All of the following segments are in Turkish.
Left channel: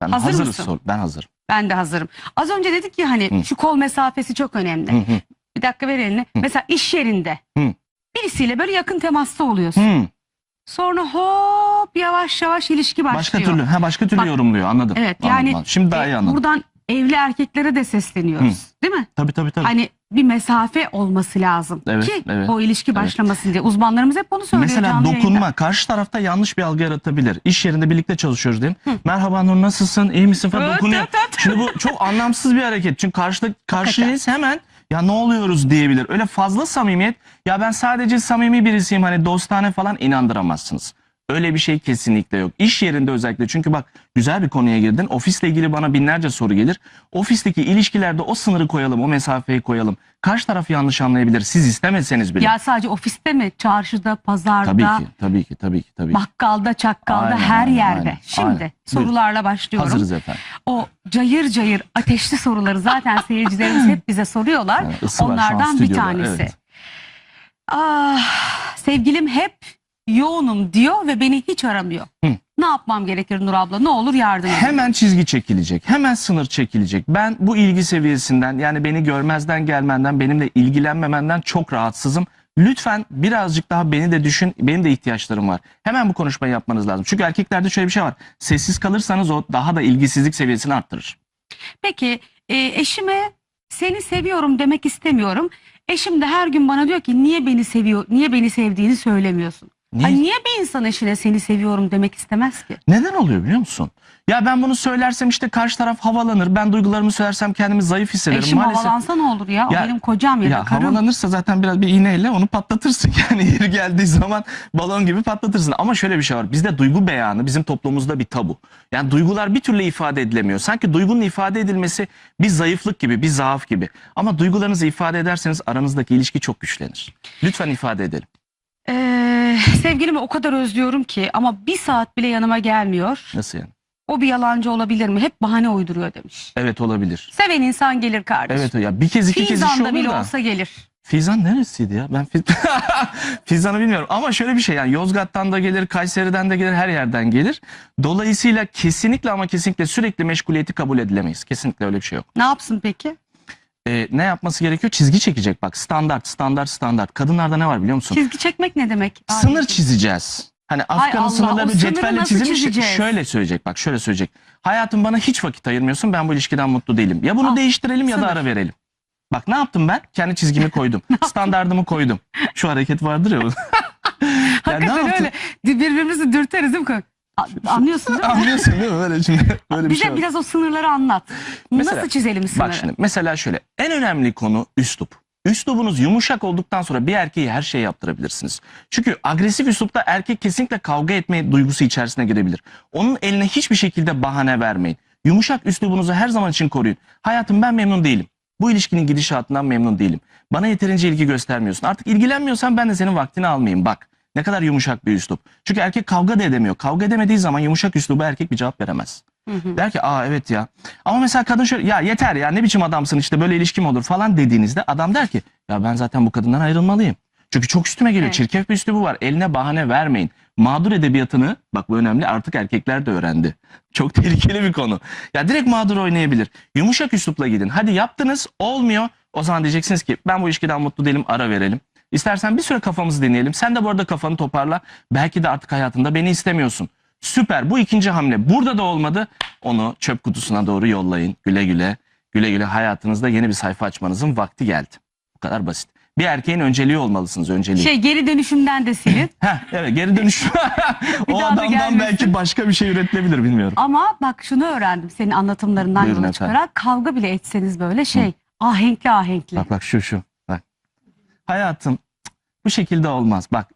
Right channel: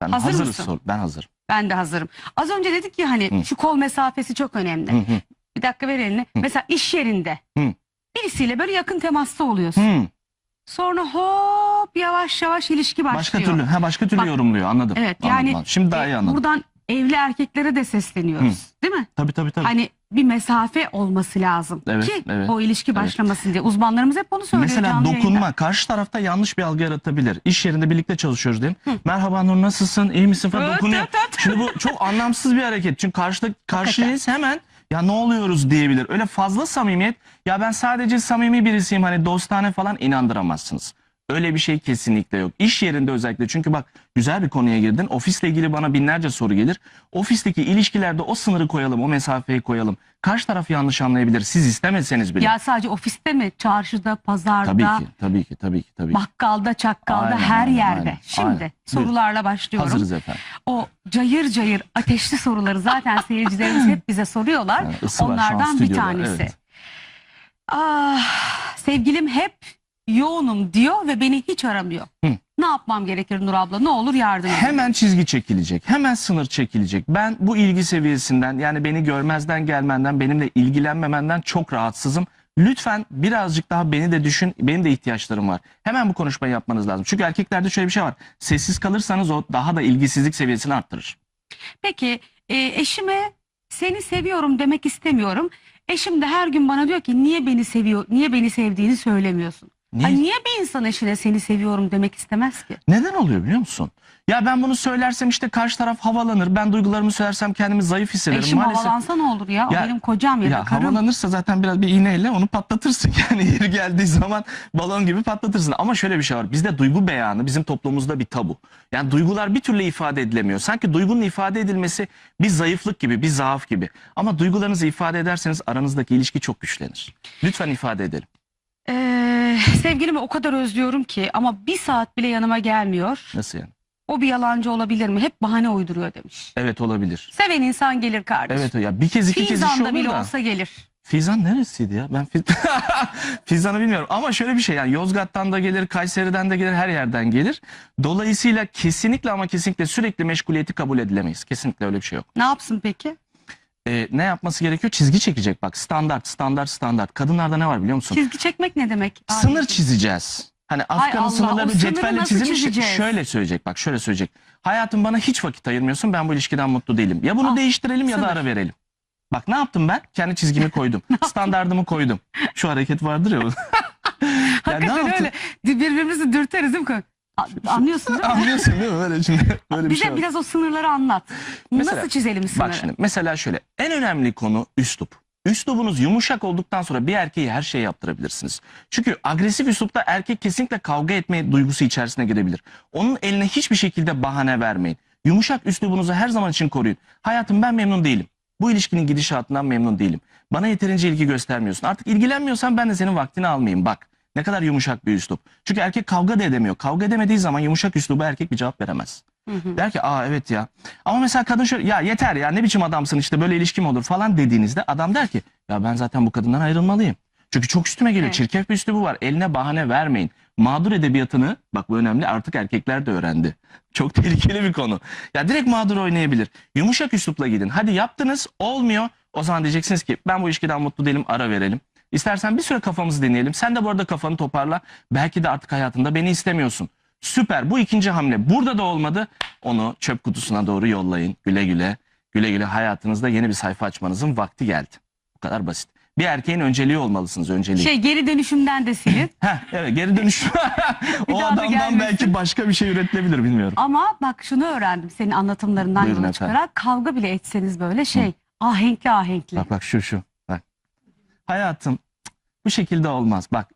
Ben Hazır hazırız mısın? sor. Ben hazırım. Ben de hazırım. Az önce dedik ya hani Hı. şu kol mesafesi çok önemli. Hı hı. Bir dakika ver elini. Mesela iş yerinde Hı. birisiyle böyle yakın temasta oluyorsun. Hı. Sonra hop yavaş yavaş ilişki başlıyor. Başka türlü, ha başka türlü Bak- yorumluyor. Anladım. Evet yani anladım. Şimdi daha e, iyi anladım. buradan evli erkeklere de sesleniyoruz. Değil mi? Tabii tabii tabii. Hani bir mesafe olması lazım Evet, ki evet, o ilişki evet. başlamasın diye. Uzmanlarımız hep bunu söylüyor Mesela canlı dokunma yayında. karşı tarafta yanlış bir algı yaratabilir. İş yerinde birlikte çalışıyoruz diyelim. Merhaba Nur nasılsın? İyi misin falan Evet, dokunuyor. evet, evet. Şimdi bu çok anlamsız bir hareket. Çünkü karşıda karşıyız hemen ya ne oluyoruz diyebilir. Öyle fazla samimiyet ya ben sadece samimi birisiyim hani dostane falan inandıramazsınız. Öyle bir şey kesinlikle yok. İş yerinde özellikle çünkü bak güzel bir konuya girdin. Ofisle ilgili bana binlerce soru gelir. Ofisteki ilişkilerde o sınırı koyalım, o mesafeyi koyalım. Karşı taraf yanlış anlayabilir. Siz istemeseniz bile. Ya sadece ofiste mi? Çarşıda, pazarda, tabii ki, tabii ki, tabii ki, tabii ki. bakkalda, çakkalda, Aynen, her yerde. aynen, Şimdi aynen. sorularla başlıyorum. Hazırız efendim. O cayır cayır ateşli soruları zaten seyircilerimiz hep bize soruyorlar. Şu an Onlardan bir tanesi. evet. Ah, sevgilim hep yoğunum diyor ve beni hiç aramıyor. Hı. Ne yapmam gerekir Nur abla? Ne olur yardım edin. Hemen çizgi çekilecek. Hemen sınır çekilecek. Ben bu ilgi seviyesinden yani beni görmezden gelmenden benimle ilgilenmemenden çok rahatsızım. Lütfen birazcık daha beni de düşün. Benim de ihtiyaçlarım var. Hemen bu konuşmayı yapmanız lazım. Çünkü erkeklerde şöyle bir şey var. Sessiz kalırsanız o daha da ilgisizlik seviyesini arttırır. Peki e, eşime seni seviyorum demek istemiyorum. Eşim de her gün bana diyor ki niye beni seviyor, niye beni sevdiğini söylemiyorsun. Niye? Ay niye bir insan eşine seni seviyorum demek istemez ki? Neden oluyor biliyor musun? Ya ben bunu söylersem işte karşı taraf havalanır. Ben duygularımı söylersem kendimi zayıf hissederim. Eşim Maalesef havalansa ne olur ya? O Ya- benim kocam ya, da Ya karım. havalanırsa zaten biraz bir iğneyle onu patlatırsın. Yani yeri geldiği zaman balon gibi patlatırsın. Ama şöyle bir şey var. Bizde duygu beyanı bizim toplumumuzda bir tabu. Yani duygular bir türlü ifade edilemiyor. Sanki duygunun ifade edilmesi bir zayıflık gibi, bir zaaf gibi. Ama duygularınızı ifade ederseniz aranızdaki ilişki çok güçlenir. Lütfen ifade edelim. Ee, sevgilimi o kadar özlüyorum ki ama bir saat bile yanıma gelmiyor. Nasıl yani? O bir yalancı olabilir mi? Hep bahane uyduruyor demiş. Evet olabilir. Seven insan gelir kardeşim. Evet ya bir kez iki kez iş Fizan'da olur bile da. olsa gelir. Fizan neresiydi ya? Ben Fiz... Fizan'ı bilmiyorum ama şöyle bir şey yani Yozgat'tan da gelir, Kayseri'den de gelir, her yerden gelir. Dolayısıyla kesinlikle ama kesinlikle sürekli meşguliyeti kabul edilemeyiz. Kesinlikle öyle bir şey yok. Ne yapsın peki? Ee, ne yapması gerekiyor? Çizgi çekecek bak. Standart, standart, standart. Kadınlarda ne var biliyor musun? Çizgi çekmek ne demek? Sınır Ay, çizeceğiz. Hani Allah, Afgan'ın o sınırları cetvelle çizilmiş. çizeceğiz? Şöyle söyleyecek bak şöyle söyleyecek. Hayatım bana hiç vakit ayırmıyorsun ben bu ilişkiden mutlu değilim. Ya bunu Al, değiştirelim ya da sınır. ara verelim. Bak ne yaptım ben? Kendi çizgimi koydum. Standardımı koydum. Şu hareket vardır ya. Hakikaten yaptım? öyle. Birbirimizi dürteriz değil mi? Anlıyorsun değil mi? Anlıyorsun değil mi? Böyle şimdi böyle bir Bize şey var. biraz o sınırları anlat. Mesela- Nasıl çizelim sınırı? Bak şimdi mesela şöyle en önemli konu üslup. Üslubunuz yumuşak olduktan sonra bir erkeği her şeyi yaptırabilirsiniz. Çünkü agresif üslupta erkek kesinlikle kavga etme duygusu içerisine girebilir. Onun eline hiçbir şekilde bahane vermeyin. Yumuşak üslubunuzu her zaman için koruyun. Hayatım ben memnun değilim. Bu ilişkinin gidişatından memnun değilim. Bana yeterince ilgi göstermiyorsun. Artık ilgilenmiyorsan ben de senin vaktini almayayım. Bak ne kadar yumuşak bir üslup. Çünkü erkek kavga da edemiyor. Kavga edemediği zaman yumuşak üsluba erkek bir cevap veremez. Hı hı. Der ki aa evet ya. Ama mesela kadın şöyle ya yeter ya ne biçim adamsın işte böyle ilişkim olur falan dediğinizde adam der ki ya ben zaten bu kadından ayrılmalıyım. Çünkü çok üstüme geliyor. Evet. Çirkef bir üslubu var. Eline bahane vermeyin. Mağdur edebiyatını bak bu önemli artık erkekler de öğrendi. Çok tehlikeli bir konu. Ya direkt mağdur oynayabilir. Yumuşak üslupla gidin. Hadi yaptınız olmuyor. O zaman diyeceksiniz ki ben bu ilişkiden mutlu değilim ara verelim. İstersen bir süre kafamızı deneyelim. Sen de bu arada kafanı toparla. Belki de artık hayatında beni istemiyorsun. Süper. Bu ikinci hamle. Burada da olmadı. Onu çöp kutusuna doğru yollayın. Güle güle. Güle güle hayatınızda yeni bir sayfa açmanızın vakti geldi. Bu kadar basit. Bir erkeğin önceliği olmalısınız. Önceliği. Şey geri dönüşümden de silin. Heh, evet geri dönüş. Bir o daha da adamdan gelmesin. belki başka bir şey üretilebilir bilmiyorum. Ama bak şunu öğrendim senin anlatımlarından Buyurun yola efendim. çıkarak. Kavga bile etseniz böyle şey ahenkli ahenkli. Bak bak şu şu. Bak. Hayatım bu şekilde olmaz. Bak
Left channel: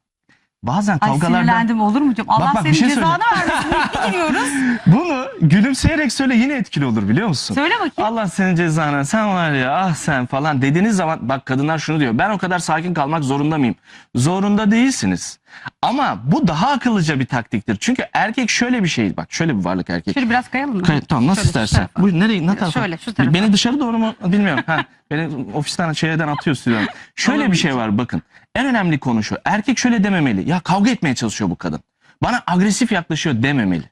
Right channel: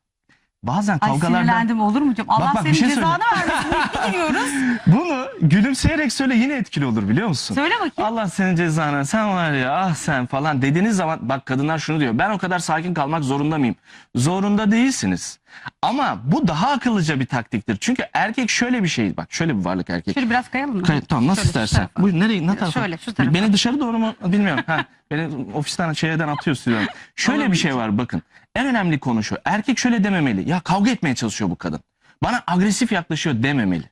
bazen Ay kavgalarda sinirlendim olur mu canım? Allah bak, bir senin şey cezanı vermesin. Gidiyoruz. bunu gülümseyerek söyle yine etkili olur biliyor musun? Söyle bakayım. Allah senin cezanı sen var ya ah sen falan dediğiniz zaman bak kadınlar şunu diyor ben o kadar sakin kalmak zorunda mıyım? Zorunda değilsiniz. Ama bu daha akıllıca bir taktiktir. Çünkü erkek şöyle bir şey bak şöyle bir varlık erkek. Şöyle biraz kayalım mı? Kay- tamam nasıl Şöyle, istersen. Buyur nereye ne tarafa? Şöyle, şu tarafa. Beni dışarı doğru mu bilmiyorum. Ha, beni ofisten şeyden atıyor stüdyodan. Şöyle bir şey var bakın. En önemli konu şu. Erkek şöyle dememeli. Ya kavga etmeye çalışıyor bu kadın. Bana agresif yaklaşıyor dememeli.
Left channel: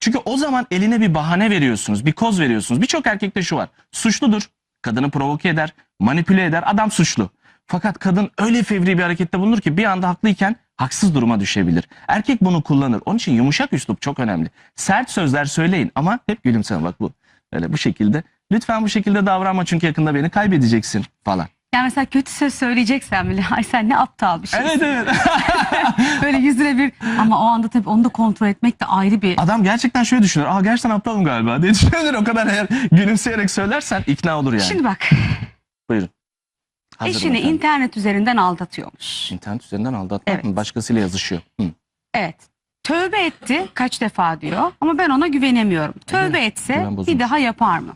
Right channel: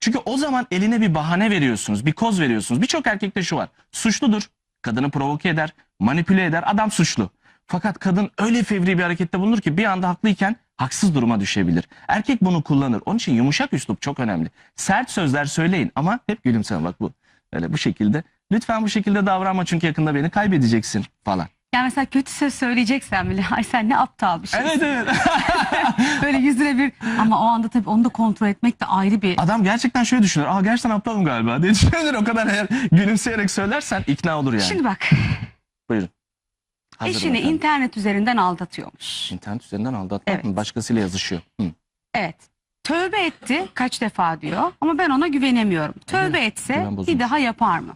Çünkü o zaman eline bir bahane veriyorsunuz, bir koz veriyorsunuz. Birçok erkekte şu var. Suçludur. Kadını provoke eder, manipüle eder. Adam suçlu. Fakat kadın öyle fevri bir harekette bulunur ki bir anda haklıyken haksız duruma düşebilir. Erkek bunu kullanır. Onun için yumuşak üslup çok önemli. Sert sözler söyleyin ama hep gülümseme bak bu. Öyle bu şekilde. Lütfen bu şekilde davranma çünkü yakında beni kaybedeceksin falan. Yani mesela kötü söz söyleyeceksen bile ay sen ne aptal bir şey. Evet evet. Böyle yüzüne bir ama o anda tabii onu da kontrol etmek de ayrı bir Adam gerçekten şöyle düşünür. Aa gerçekten aptalım galiba diye düşünür. O kadar eğer gülümseyerek söylersen ikna olur yani. Şimdi bak Buyurun. Hazırım eşini efendim. internet üzerinden aldatıyormuş. İnternet üzerinden aldatmak Evet. mı? Başkasıyla yazışıyor. Hı. Evet. Tövbe etti kaç defa diyor ama ben ona güvenemiyorum. Tövbe etse bir daha yapar mı?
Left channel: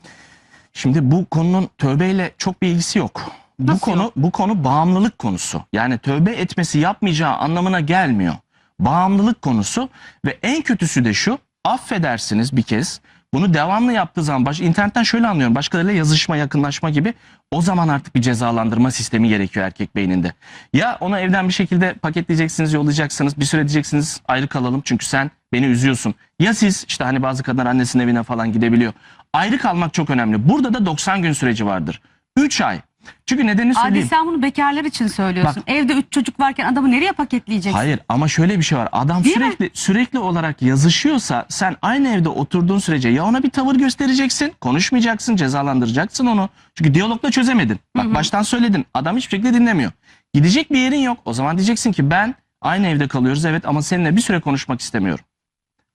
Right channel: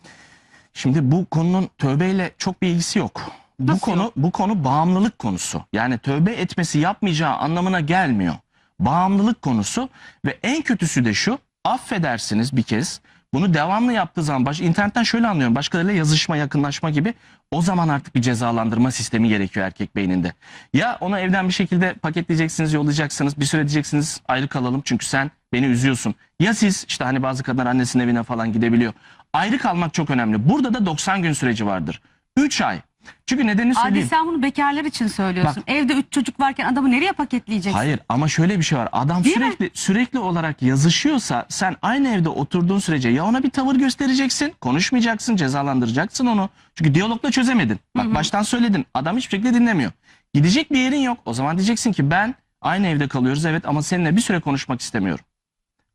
Şimdi bu konunun tövbeyle çok bir ilgisi yok. Bu Nasıl konu yok? bu konu bağımlılık konusu. Yani tövbe etmesi yapmayacağı anlamına gelmiyor. Bağımlılık konusu ve en kötüsü de şu. Affedersiniz bir kez. Bunu devamlı yaptığı zaman baş, internetten şöyle anlıyorum. Başkalarıyla yazışma, yakınlaşma gibi o zaman artık bir cezalandırma sistemi gerekiyor erkek beyninde. Ya onu evden bir şekilde paketleyeceksiniz, yollayacaksınız. Bir süre diyeceksiniz ayrı kalalım çünkü sen beni üzüyorsun. Ya siz işte hani bazı kadınlar annesinin evine falan gidebiliyor. Ayrı kalmak çok önemli. Burada da 90 gün süreci vardır. 3 ay. Çünkü nedenini Adi söyleyeyim. sen bunu bekarlar için söylüyorsun. Evde üç çocuk varken adamı nereye paketleyeceksin? Hayır ama şöyle bir şey var. Adam Değil mi? sürekli sürekli olarak yazışıyorsa sen aynı evde oturduğun sürece ya ona bir tavır göstereceksin, konuşmayacaksın, cezalandıracaksın onu. Çünkü diyalogla çözemedin. Bak baştan söyledin. Adam hiçbir şekilde dinlemiyor. Gidecek bir yerin yok. O zaman diyeceksin ki ben aynı evde kalıyoruz evet ama seninle bir süre konuşmak istemiyorum.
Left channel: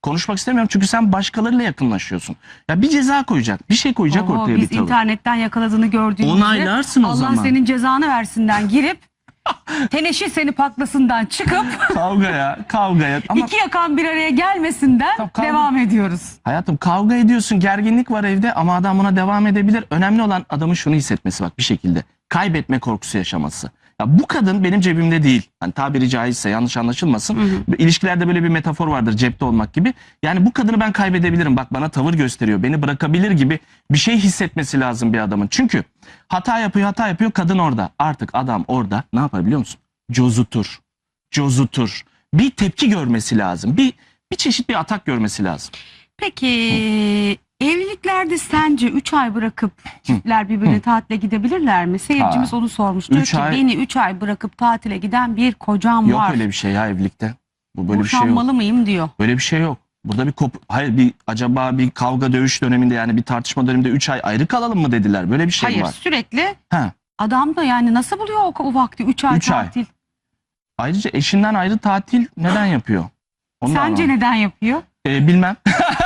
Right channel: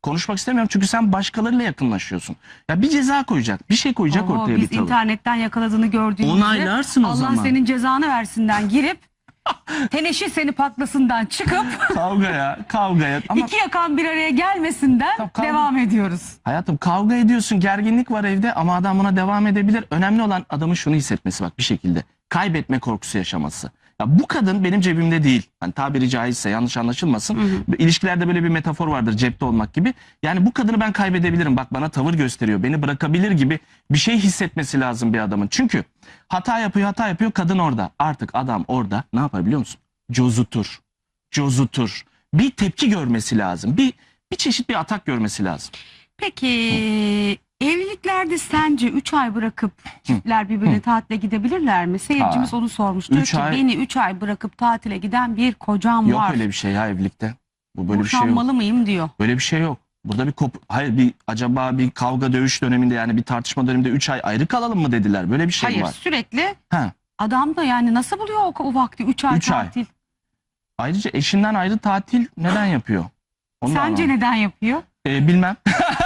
Konuşmak istemiyorum çünkü sen başkalarıyla yakınlaşıyorsun. Ya bir ceza koyacak, bir şey koyacak Oo, ortaya biz bir tavır. internetten yakaladığını gördüğümüzde Onaylarsın o Allah zaman. senin cezanı versinden girip teneşir seni patlasından çıkıp Kavgaya, kavgaya. Ama iki yakan bir araya gelmesinden kavga- devam ediyoruz. Hayatım kavga ediyorsun, gerginlik var evde ama adam buna devam edebilir. Önemli olan adamın şunu hissetmesi bak bir şekilde. Kaybetme korkusu yaşaması. Ya bu kadın benim cebimde değil. Hani tabiri caizse yanlış anlaşılmasın. İlişkilerde böyle bir metafor vardır cepte olmak gibi. Yani bu kadını ben kaybedebilirim. Bak bana tavır gösteriyor. Beni bırakabilir gibi bir şey hissetmesi lazım bir adamın. Çünkü hata yapıyor hata yapıyor kadın orada. Artık adam orada ne yapar biliyor musun? Cozutur. Cozutur. Bir tepki görmesi lazım. Bir bir çeşit bir atak görmesi lazım. Peki evliliklerde sence 3 ay bırakıp çiftler birbirine tatile gidebilirler mi? Seyircimiz onu sormuş. Diyor Üç ki ay- beni 3 ay bırakıp tatile giden bir kocam Yok var. öyle bir şey ya evlilikte. Bu böyle bir şey yok. Boşanmalı mıyım diyor. Böyle bir şey yok. Burada bir kop hayır bir acaba bir kavga dövüş döneminde yani bir tartışma döneminde 3 ay ayrı kalalım mı dediler. Böyle bir şey Hayır var. sürekli Ha. adam da yani nasıl buluyor o, o vakti 3 ay Üç ay. tatil? Ayrıca eşinden ayrı tatil neden yapıyor? Onu da Sence anlamadım. neden yapıyor? Ee, bilmem.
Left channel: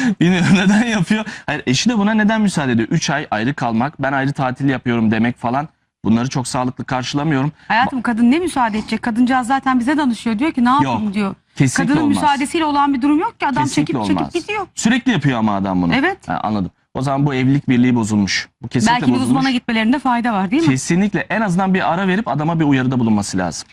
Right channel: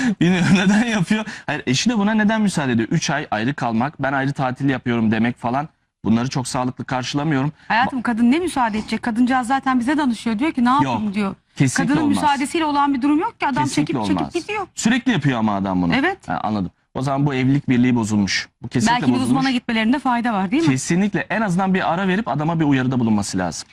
Bilmiyorum neden yapıyor. Hayır eşi de buna neden müsaade ediyor? 3 ay ayrı kalmak, ben ayrı tatil yapıyorum demek falan. Bunları çok sağlıklı karşılamıyorum. Hayatım kadın ne müsaade edecek? Kadıncağız zaten bize danışıyor. Diyor ki ne yapayım Yok, diyor. Kesinlikle Kadının olmaz. müsaadesiyle olan bir durum yok ki. Adam Kesinlikle çekip çekip olmaz. gidiyor. Sürekli yapıyor ama adam bunu. Evet. Ha, anladım. O zaman bu evlilik birliği bozulmuş. Bu kesinlikle Belki bir bozulmuş. uzmana gitmelerinde fayda var değil mi? Kesinlikle en azından bir ara verip adama bir uyarıda bulunması lazım.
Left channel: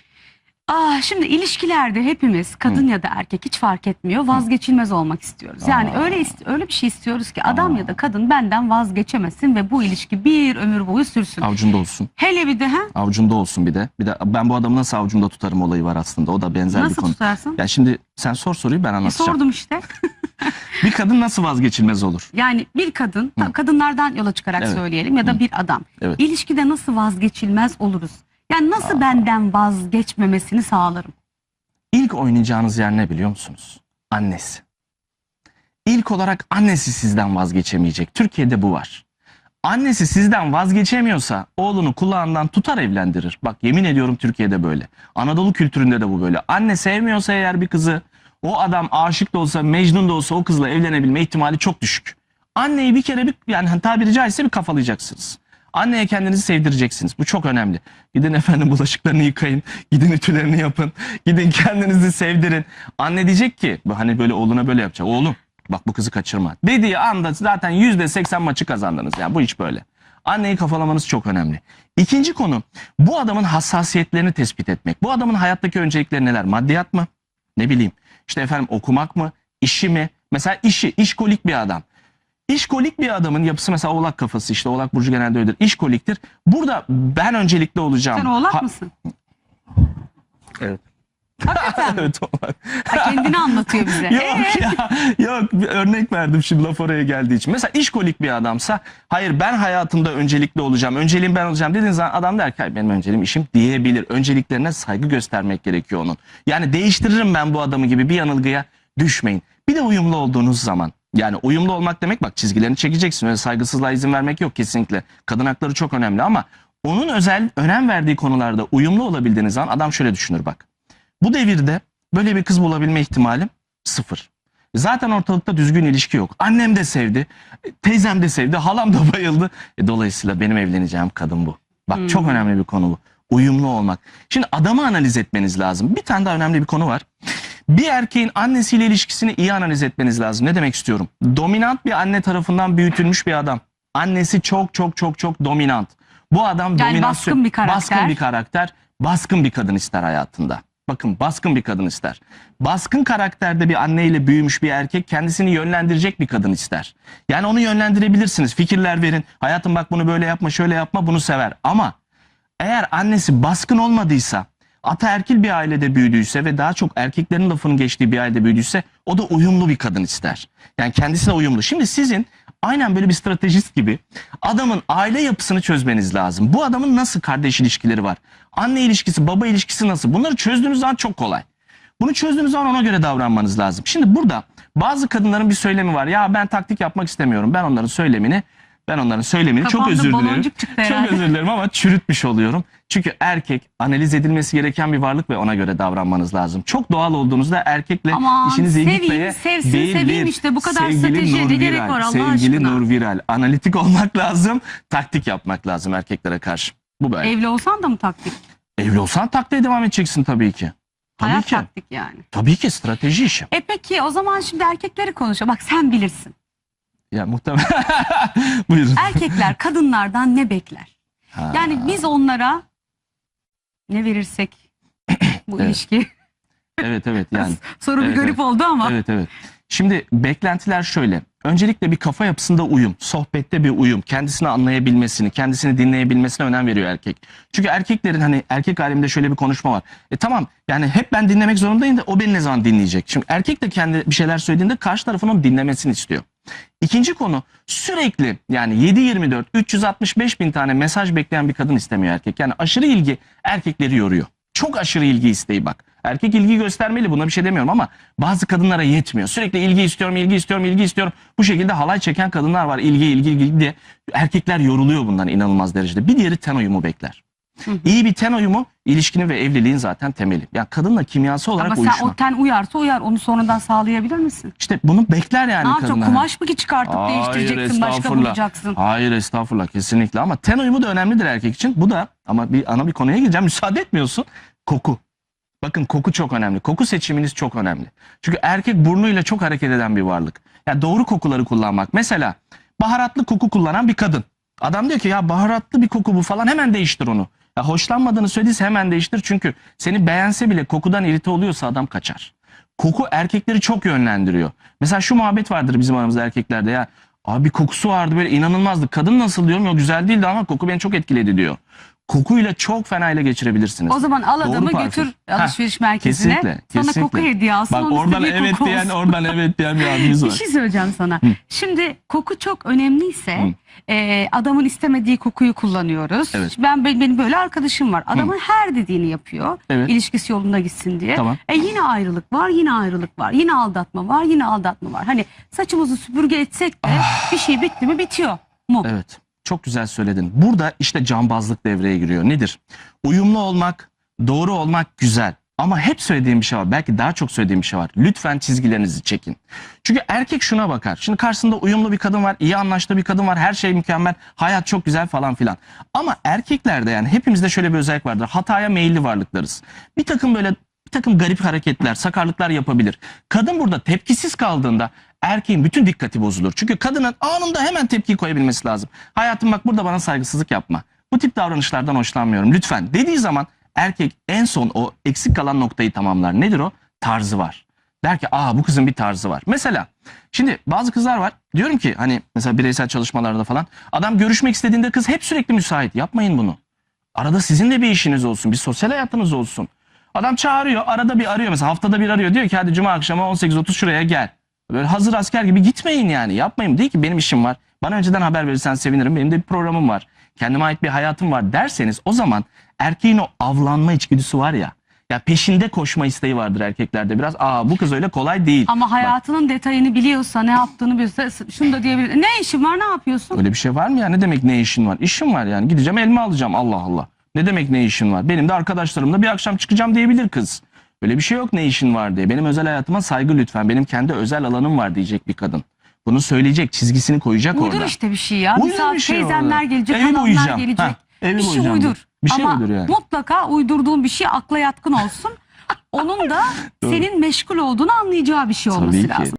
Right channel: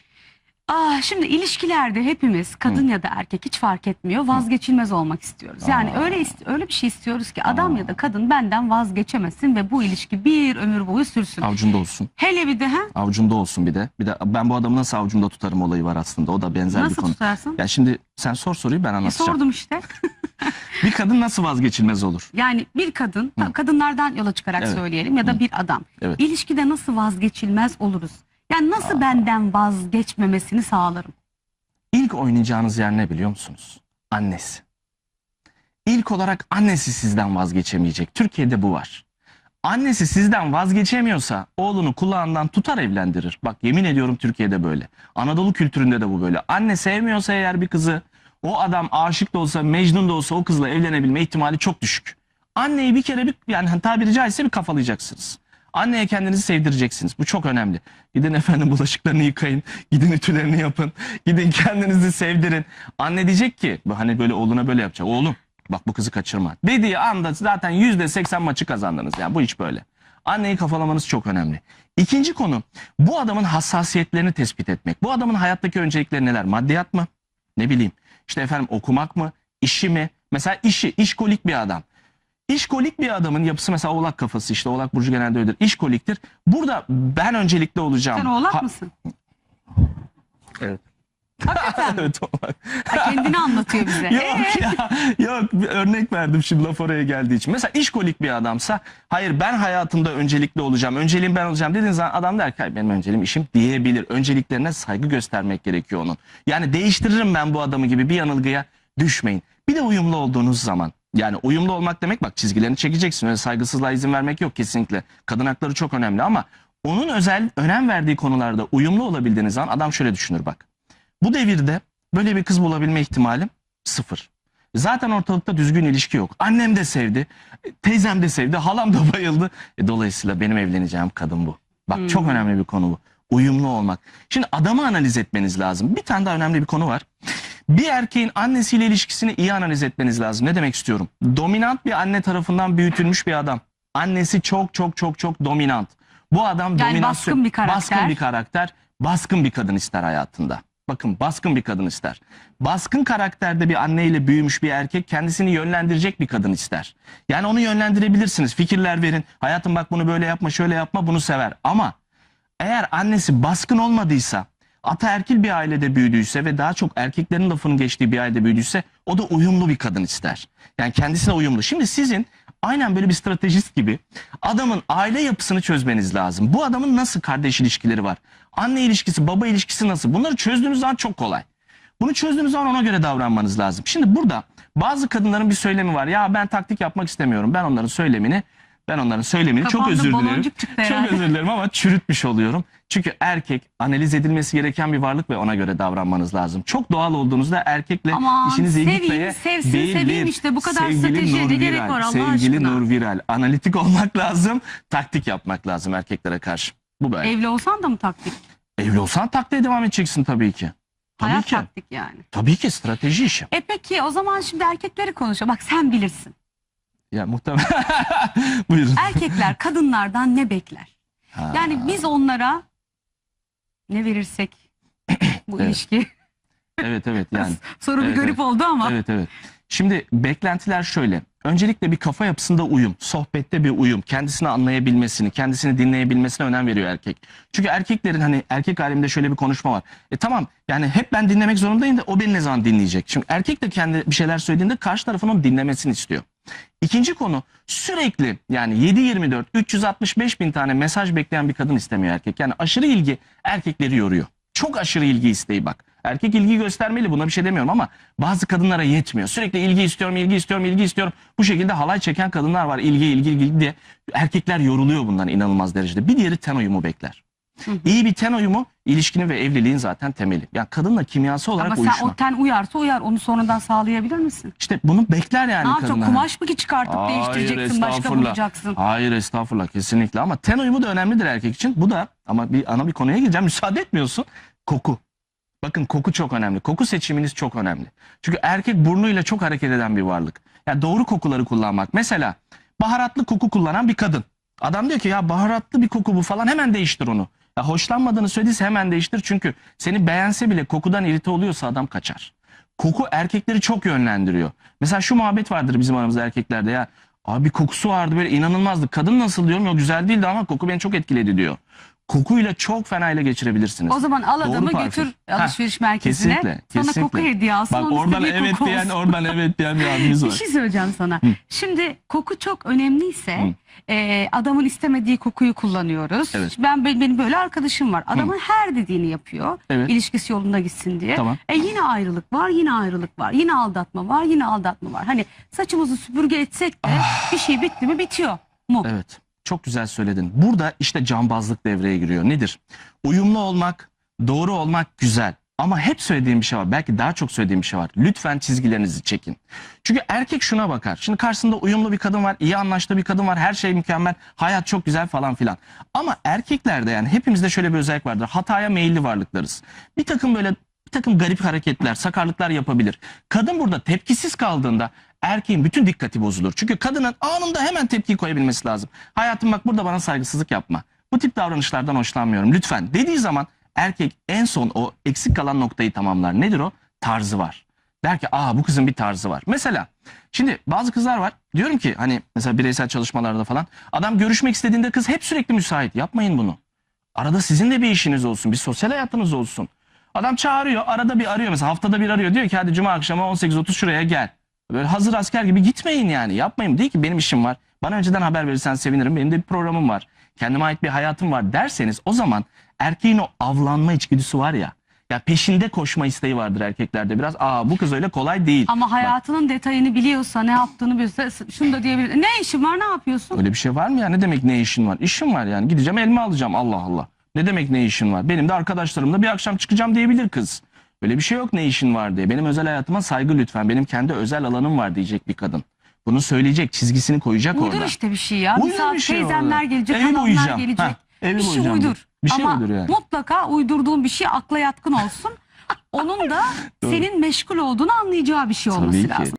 Ah, şimdi ilişkilerde hepimiz kadın ya da erkek hiç fark etmiyor vazgeçilmez olmak istiyoruz. Yani öyle ist- öyle bir şey istiyoruz ki adam ya da kadın benden vazgeçemesin ve bu ilişki bir ömür boyu sürsün. Avucunda olsun. Hele bir de ha Avucunda olsun bir de. Bir de ben bu adamı nasıl avucumda tutarım olayı var aslında. O da benzer bir nasıl konu. tutarsın? Ya şimdi sen sor soruyu ben E, anlatacağım. sordum işte. Bir kadın nasıl vazgeçilmez olur? Yani bir kadın, kadınlardan yola çıkarak Evet. söyleyelim ya da bir adam. Evet. İlişkide nasıl vazgeçilmez oluruz? Yani nasıl benden vazgeçmemesini sağlarım? İlk oynayacağınız yer ne biliyor musunuz? Annesi. İlk olarak annesi sizden vazgeçemeyecek. Türkiye'de bu var. Annesi sizden vazgeçemiyorsa oğlunu kulağından tutar evlendirir. Bak yemin ediyorum Türkiye'de böyle. Anadolu kültüründe de bu böyle. Anne sevmiyorsa eğer bir kızı o adam aşık da olsa Mecnun da olsa o kızla evlenebilme ihtimali çok düşük. Anneyi bir kere bir yani tabiri caizse bir kafalayacaksınız. Anneye kendinizi sevdireceksiniz. Bu çok önemli. Gidin efendim bulaşıklarını yıkayın. Gidin ütülerini yapın. Gidin kendinizi sevdirin. Anne diyecek ki hani böyle oğluna böyle yapacak. Oğlum bak bu kızı kaçırma. Dediği anda zaten yüzde seksen maçı kazandınız. Yani bu iş böyle. Anneyi kafalamanız çok önemli. İkinci konu bu adamın hassasiyetlerini tespit etmek. Bu adamın hayattaki öncelikleri neler? Maddiyat mı? Ne bileyim. İşte efendim okumak mı? İşi mi? Mesela işi, işkolik bir adam. İşkolik bir adamın yapısı mesela oğlak kafası işte oğlak burcu genelde öyledir. İşkoliktir. Burada ben öncelikli olacağım. Sen oğlak Ha- mısın? Evet. Hakikaten mi? evet olmak. Ha, kendini anlatıyor bize. Yok ya yok bir örnek verdim şimdi laf oraya geldiği için. Mesela işkolik bir adamsa hayır ben hayatımda öncelikli olacağım. Önceliğim ben olacağım dediğiniz zaman adam der ki "Hayır, benim önceliğim işim diyebilir. Önceliklerine saygı göstermek gerekiyor onun. Yani değiştiririm ben bu adamı gibi bir yanılgıya düşmeyin. Bir de uyumlu olduğunuz zaman. Yani uyumlu olmak demek bak çizgilerini çekeceksin. Öyle saygısızlığa izin vermek yok kesinlikle. Kadın hakları çok önemli ama onun özel önem verdiği konularda uyumlu olabildiğiniz zaman adam şöyle düşünür bak. Bu devirde böyle bir kız bulabilme ihtimalim sıfır. Zaten ortalıkta düzgün ilişki yok. Annem de sevdi, teyzem de sevdi, halam da bayıldı. E, dolayısıyla benim evleneceğim kadın bu. Bak Hmm. çok önemli bir konu bu. Uyumlu olmak. Şimdi adamı analiz etmeniz lazım. Bir tane daha önemli bir konu var. Bir erkeğin annesiyle ilişkisini iyi analiz etmeniz lazım. Ne demek istiyorum? Dominant bir anne tarafından büyütülmüş bir adam. Annesi çok çok çok çok dominant. Bu adam Yani dominasyon, baskın bir karakter. baskın bir karakter, baskın bir kadın ister hayatında. Bakın baskın bir kadın ister. Baskın karakterde bir anneyle büyümüş bir erkek kendisini yönlendirecek bir kadın ister. Yani onu yönlendirebilirsiniz. Fikirler verin. Hayatım bak bunu böyle yapma, şöyle yapma, bunu sever. Ama eğer annesi baskın olmadıysa, ataerkil bir ailede büyüdüyse ve daha çok erkeklerin lafının geçtiği bir ailede büyüdüyse o da uyumlu bir kadın ister. Yani kendisine uyumlu. Şimdi sizin aynen böyle bir stratejist gibi adamın aile yapısını çözmeniz lazım. Bu adamın nasıl kardeş ilişkileri var? Anne ilişkisi, baba ilişkisi nasıl? Bunları çözdüğünüz zaman çok kolay. Bunu çözdüğünüz zaman ona göre davranmanız lazım. Şimdi burada bazı kadınların bir söylemi var. Ya ben taktik yapmak istemiyorum. Ben onların söylemini ben onların söylemini çok özür dilerim. Çok özür dilerim ama çürütmüş oluyorum. Çünkü erkek analiz edilmesi gereken bir varlık ve ona göre davranmanız lazım. Çok doğal olduğunuzda erkekle Aman, işinizi seveyim, gitmeye sevsin, seveyim işte. Bu kadar stratejiye Nur ne gerek var Allah Sevgili aşkına? Nur Viral. Analitik olmak lazım. Taktik yapmak lazım erkeklere karşı. Bu böyle. Evli olsan da mı taktik? Evli olsan taktiğe devam edeceksin tabii ki. Tabii Hayat ki. taktik yani. Tabii ki strateji işi. E peki o zaman şimdi erkekleri konuşalım. Bak sen bilirsin. Ya muhtemelen. Buyurun. Erkekler kadınlardan ne bekler? Ha, Yani biz onlara ne verirsek bu Evet. ilişki. Evet evet yani. Soru bir Evet, garip oldu ama. Evet evet. Şimdi beklentiler şöyle. Öncelikle bir kafa yapısında uyum, sohbette bir uyum, kendisini anlayabilmesini, kendisini dinleyebilmesine önem veriyor erkek. Çünkü erkeklerin hani erkek aleminde şöyle bir konuşma var. E tamam yani hep ben dinlemek zorundayım da o beni ne zaman dinleyecek? Şimdi erkek de kendi bir şeyler söylediğinde karşı tarafın onu dinlemesini istiyor. İkinci konu sürekli yani 7-24 365 bin tane mesaj bekleyen bir kadın istemiyor erkek. Yani aşırı ilgi erkekleri yoruyor. Çok aşırı ilgi isteği bak. Erkek ilgi göstermeli buna bir şey demiyorum ama bazı kadınlara yetmiyor. Sürekli ilgi istiyorum, ilgi istiyorum, ilgi istiyorum. Bu şekilde halay çeken kadınlar var. İlgi, ilgi, ilgi diye. Erkekler yoruluyor bundan inanılmaz derecede. Bir diğeri ten uyumu bekler. Hı hı. İyi bir ten uyumu ilişkinin ve evliliğin zaten temeli. Yani kadınla kimyası olarak Ama sen uyuşma. o ten uyarsa uyar. Onu sonradan sağlayabilir misin? İşte bunu bekler yani ne yapacaksın? kadınlar. Kumaş mı ki çıkartıp Hayır, değiştireceksin? Başka estağfurullah. bulacaksın. Hayır estağfurullah kesinlikle ama ten uyumu da önemlidir erkek için. Bu da ama bir ana bir konuya gireceğim müsaade etmiyorsun. Koku. Bakın koku çok önemli. Koku seçiminiz çok önemli. Çünkü erkek burnuyla çok hareket eden bir varlık. Yani doğru kokuları kullanmak. Mesela baharatlı koku kullanan bir kadın. Adam diyor ki ya baharatlı bir koku bu falan hemen değiştir onu. Ya hoşlanmadığını söylediyse hemen değiştir. Çünkü seni beğense bile kokudan irite oluyorsa adam kaçar. Koku erkekleri çok yönlendiriyor. Mesela şu muhabbet vardır bizim aramızda erkeklerde ya. Abi kokusu vardı böyle inanılmazdı. Kadın nasıl diyorum ya güzel değildi ama koku beni çok etkiledi diyor. Kokuyla çok fena ile geçirebilirsiniz. O zaman al Doğru adamı parfüm. götür alışveriş merkezine. kesinlikle, Sana kesinlikle. koku hediye alsın. Bak onun oradan evet koku diyen olsun. oradan evet diyen bir abimiz Bir var. şey söyleyeceğim sana. Hı. Şimdi koku çok önemliyse Hı. e, adamın istemediği kokuyu kullanıyoruz. Evet. Ben benim, böyle arkadaşım var. Adamın her dediğini yapıyor. Evet. İlişkisi yolunda gitsin diye. Tamam. E yine ayrılık var, yine ayrılık var. Yine aldatma var, yine aldatma var. Hani saçımızı süpürge etsek de bir şey bitti mi bitiyor mu? Ah. Evet. Çok güzel söyledin. Burada işte cambazlık devreye giriyor. Nedir? Uyumlu olmak, doğru olmak güzel. Ama hep söylediğim bir şey var. Belki daha çok söylediğim bir şey var. Lütfen çizgilerinizi çekin. Çünkü erkek şuna bakar. Şimdi karşısında uyumlu bir kadın var, iyi anlaştığı bir kadın var, her şey mükemmel, hayat çok güzel falan filan. Ama erkeklerde yani hepimizde şöyle bir özellik vardır. Hataya meyilli varlıklarız. Bir takım böyle bir takım garip hareketler, sakarlıklar yapabilir. Kadın burada tepkisiz kaldığında erkeğin bütün dikkati bozulur. Çünkü kadının anında hemen tepki koyabilmesi lazım. Hayatım bak burada bana saygısızlık yapma. Bu tip davranışlardan hoşlanmıyorum lütfen dediği zaman erkek en son o eksik kalan noktayı tamamlar. Nedir o? Tarzı var. Der ki aa bu kızın bir tarzı var. Mesela şimdi bazı kızlar var. Diyorum ki hani mesela bireysel çalışmalarda falan adam görüşmek istediğinde kız hep sürekli müsait. Yapmayın bunu. Arada sizin de bir işiniz olsun. Bir sosyal hayatınız olsun. Adam çağırıyor arada bir arıyor mesela haftada bir arıyor diyor ki hadi cuma akşamı 18.30 şuraya gel. Böyle hazır asker gibi gitmeyin yani yapmayın. Değil ki benim işim var. Bana önceden haber verirsen sevinirim. Benim de bir programım var. Kendime ait bir hayatım var derseniz o zaman erkeğin o avlanma içgüdüsü var ya. Ya peşinde koşma isteği vardır erkeklerde. Biraz aa bu kız öyle kolay değil. Ama hayatının detayını biliyorsa, ne yaptığını biliyorsa şunu da diyebilir. Ne işin var, ne yapıyorsun? Öyle bir şey var mı ya? Ne demek ne işin var? İşim var yani. Gideceğim elma alacağım. Allah Allah. Ne demek ne işin var? Benim de arkadaşlarımla bir akşam çıkacağım diyebilir kız. Öyle bir şey yok ne işin var diye. Benim özel hayatıma saygı lütfen. Benim kendi özel alanım var diyecek bir kadın. Bunu söyleyecek, çizgisini koyacak Uydur orada. işte bir şey ya. Uydur bir bir şey teyzenler orada. gelecek, Evi halamlar boyayacağım. gelecek. Hah, evi bir şey uydur. Bir şey Ama uydur yani. mutlaka uydurduğun bir şey akla yatkın olsun. Onun da senin meşgul olduğunu anlayacağı bir şey olması Tabii ki. lazım.